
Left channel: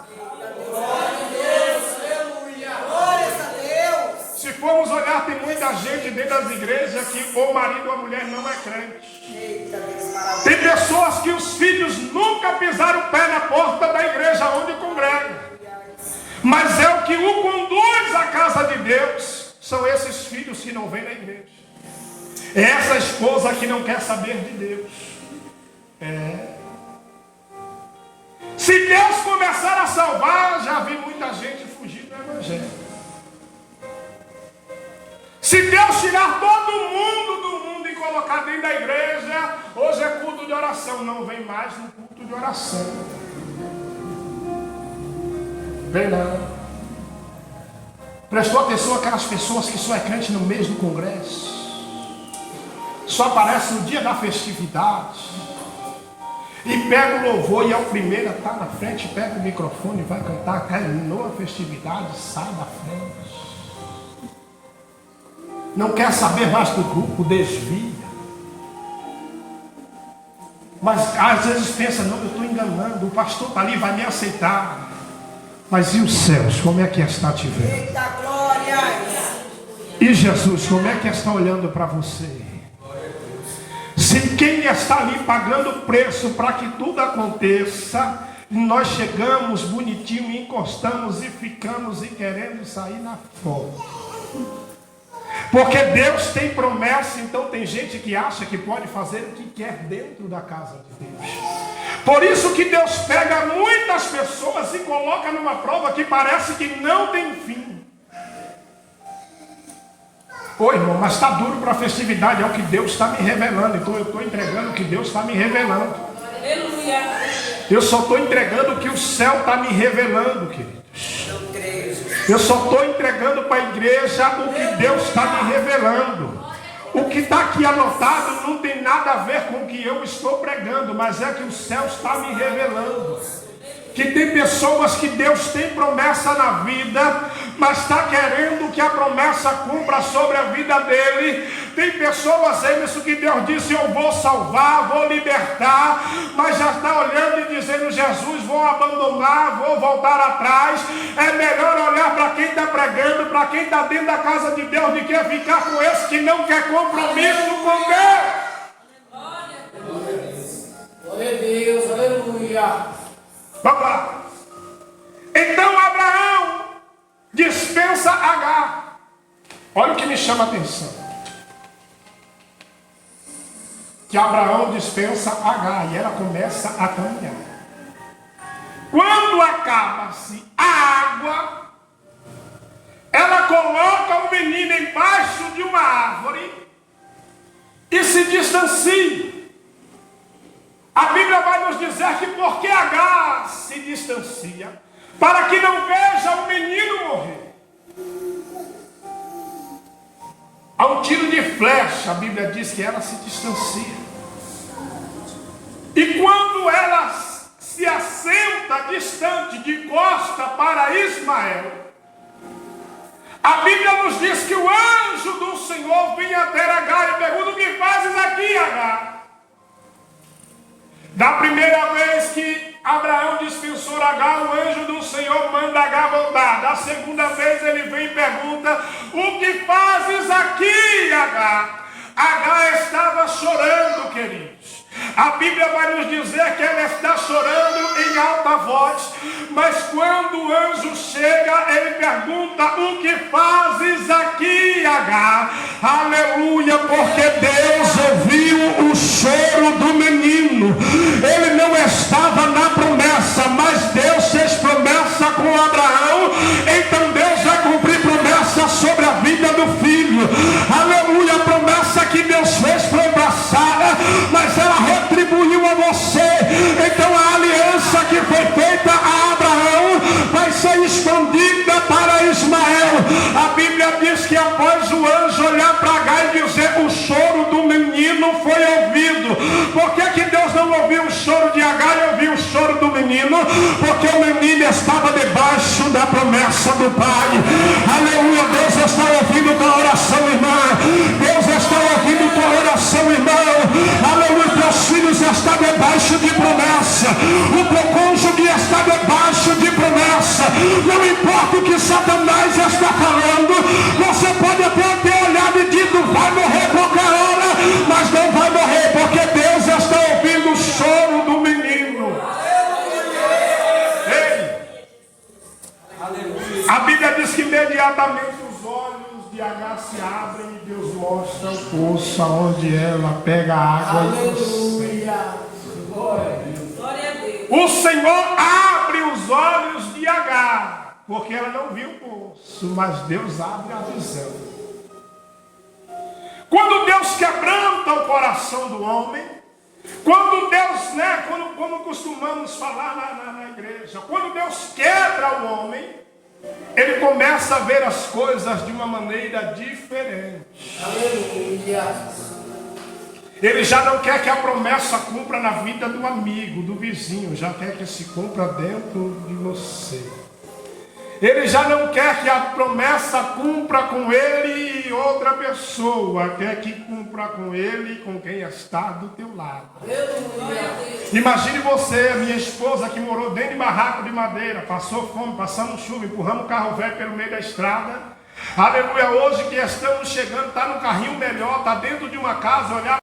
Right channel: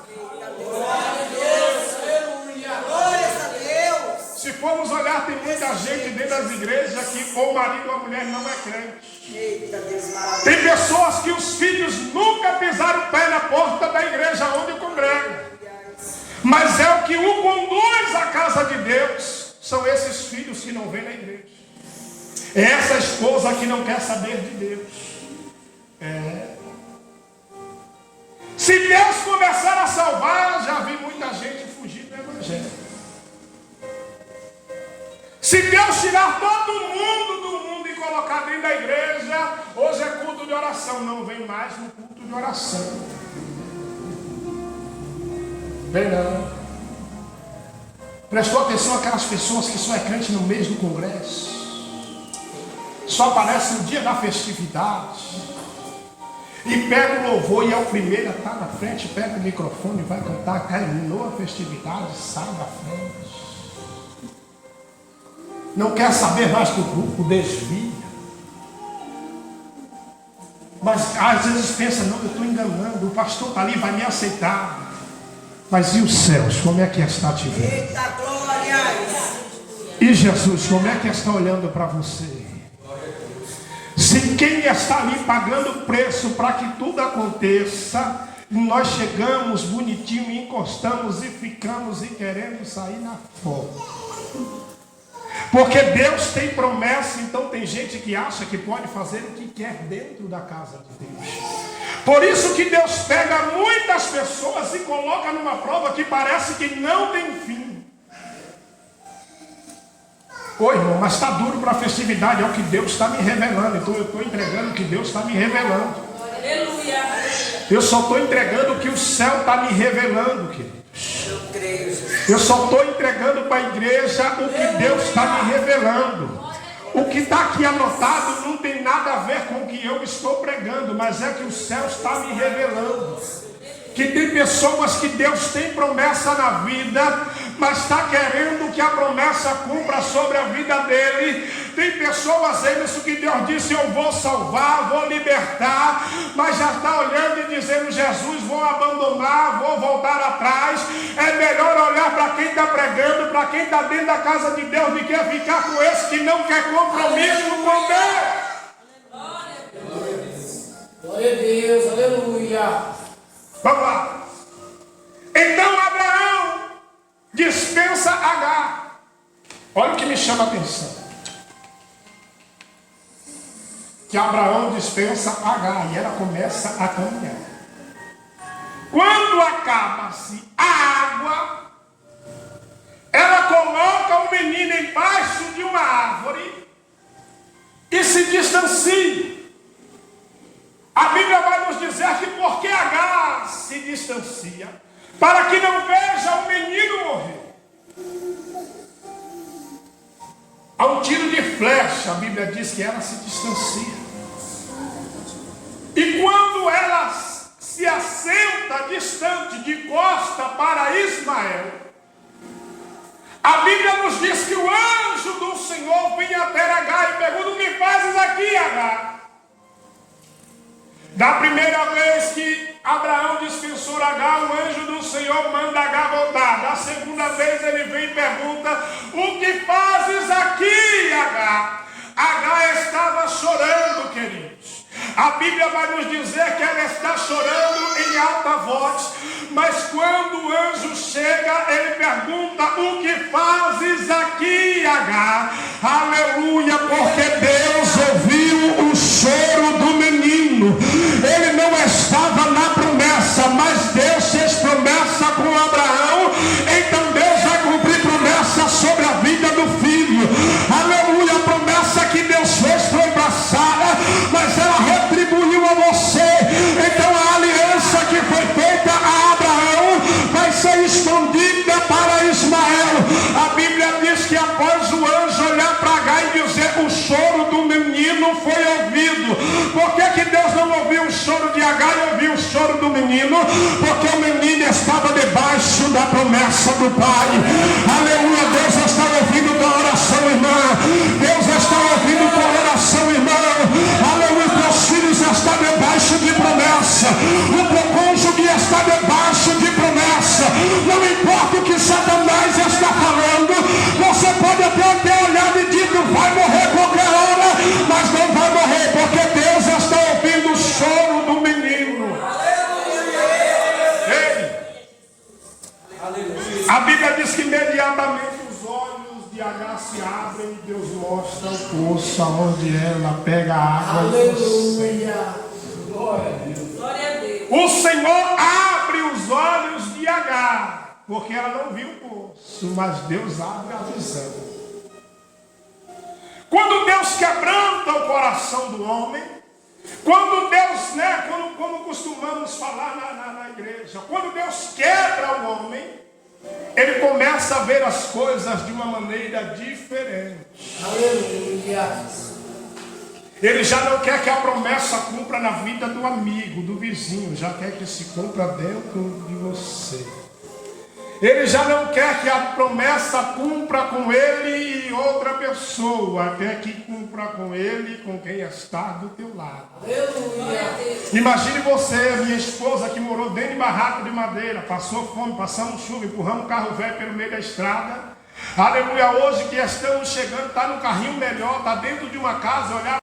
Se formos olhar, tem muita gente dentro das igrejas que o marido ou a mulher não é crente. Tem pessoas que os filhos nunca pisaram o pé na porta da igreja onde congregam. Mas é o que o conduz à casa de Deus. São esses filhos que não vêm na igreja. É essa esposa que não quer saber de Deus. Se Deus começar a salvar, já vi muita gente fugir do evangelho. Se Deus tirar todo mundo do mundo e colocar dentro da igreja, hoje é culto de oração, não vem mais no culto de oração. Vem não. Prestou atenção aquelas pessoas que só é crente no mês do congresso, só aparece no dia da festividade, e pega o louvor e é o primeiro a estar na frente, pega o microfone, vai cantar, terminou a festividade, sai da frente. Não quer saber mais do grupo, desvia. Mas às vezes pensa, não, eu estou enganando, o pastor está ali, vai me aceitar. Mas e os céus, como é que está te vendo? Eita glória! E Jesus, como é que está olhando para você? Se quem está ali pagando o preço para que tudo aconteça, nós chegamos bonitinho, encostamos e ficamos e querendo sair na foto. Porque Deus tem promessa, então tem gente que acha que pode fazer o que quer dentro da casa de Deus. Por isso que Deus pega muitas pessoas e coloca numa prova que parece que não tem fim. Ô irmão, mas está duro para a festividade, é o que Deus está me revelando. Então eu estou entregando o que Deus está me revelando. Aleluia! Eu só estou entregando o que o céu está me revelando, queridos. Eu só estou entregando para a igreja o que Deus está me revelando. O que está aqui anotado não tem nada a ver com o que eu estou pregando, mas é que o céu está me revelando. Que tem pessoas que Deus tem promessa na vida, mas está querendo que a promessa cumpra sobre a vida dele. Tem pessoas, Emerson, que Deus disse, eu vou salvar, vou libertar, mas já está olhando e dizendo, Jesus, vou abandonar, vou voltar atrás. É melhor olhar para quem está pregando, para quem está dentro da casa de Deus, do que ficar com esse que não quer compromisso com Deus. Glória a Deus, aleluia! Vamos lá. Então Abraão dispensa Agar. Olha o que me chama a atenção. Que Abraão dispensa Agar e ela começa a caminhar. Quando acaba-se a água, ela coloca o menino embaixo de uma árvore e se distancia. A Bíblia vai nos dizer que porque Agar se distancia, para que não veja o menino morrer. A um tiro de flecha, a Bíblia diz que ela se distancia. E quando ela se assenta distante, de costa para Ismael, a Bíblia nos diz que o anjo do Senhor vem até Agar e pergunta: o que fazes aqui, Agar? Da primeira vez que Abraão dispensou Agar, o anjo do Senhor manda Agar voltar. Da segunda vez ele vem e pergunta: o que fazes aqui, Agar? Agar estava chorando, queridos. A Bíblia vai nos dizer que ela está chorando em alta voz, mas quando o anjo chega, ele pergunta: o que fazes aqui, Agar? Aleluia, porque Deus ouviu o choro do menino. Ele não estava na promessa, mas Deus fez promessa com Abraão, então Deus vai cumprir promessa sobre a vida do filho. Aleluia, a promessa que Deus fez foi passada, mas ela retribuiu a você. Então a aliança que foi feita a Abraão vai ser estendida para Ismael. A Bíblia diz que após o anjo olhar para Agar e dizer: o choro do menino foi ouvido. Por que Deus não ouviu o choro de Agar e ouviu o choro do menino? Porque o menino estava debaixo da promessa do Pai. Aleluia, Deus está ouvindo tua oração, irmã. Deus está ouvindo tua oração, irmão. Aleluia, teus filhos estão debaixo de promessa. O teu cônjuge está debaixo de promessa. Não importa o que Satanás está falando, você pode até ter olhado e dito: vai morrer qualquer hora, mas não vai morrer, porque Deus está ouvindo o choro do menino. Ei. A Bíblia diz que imediatamente os olhos de Agar se abrem e Deus mostra o poço onde ela pega a água. Aleluia. Glória a Deus. Glória a Deus. O Senhor abre os olhos de Agar, porque ela não viu o poço, mas Deus abre a visão. Quando Deus quebranta o coração do homem, quando Deus, como costumamos falar na igreja, quando Deus quebra o homem, ele começa a ver as coisas de uma maneira diferente. Aleluia. Ele já não quer que a promessa cumpra na vida do amigo, do vizinho, já quer que se cumpra dentro de você. Ele já não quer que a promessa cumpra com ele e outra pessoa, quer que cumpra com ele e com quem está do teu lado. Aleluia. Imagine você, minha esposa, que morou dentro de barraco de madeira, passou fome, passamos chuva, empurramos um carro velho pelo meio da estrada. Aleluia, hoje que estamos chegando, está no carrinho melhor, está dentro de uma casa, olhar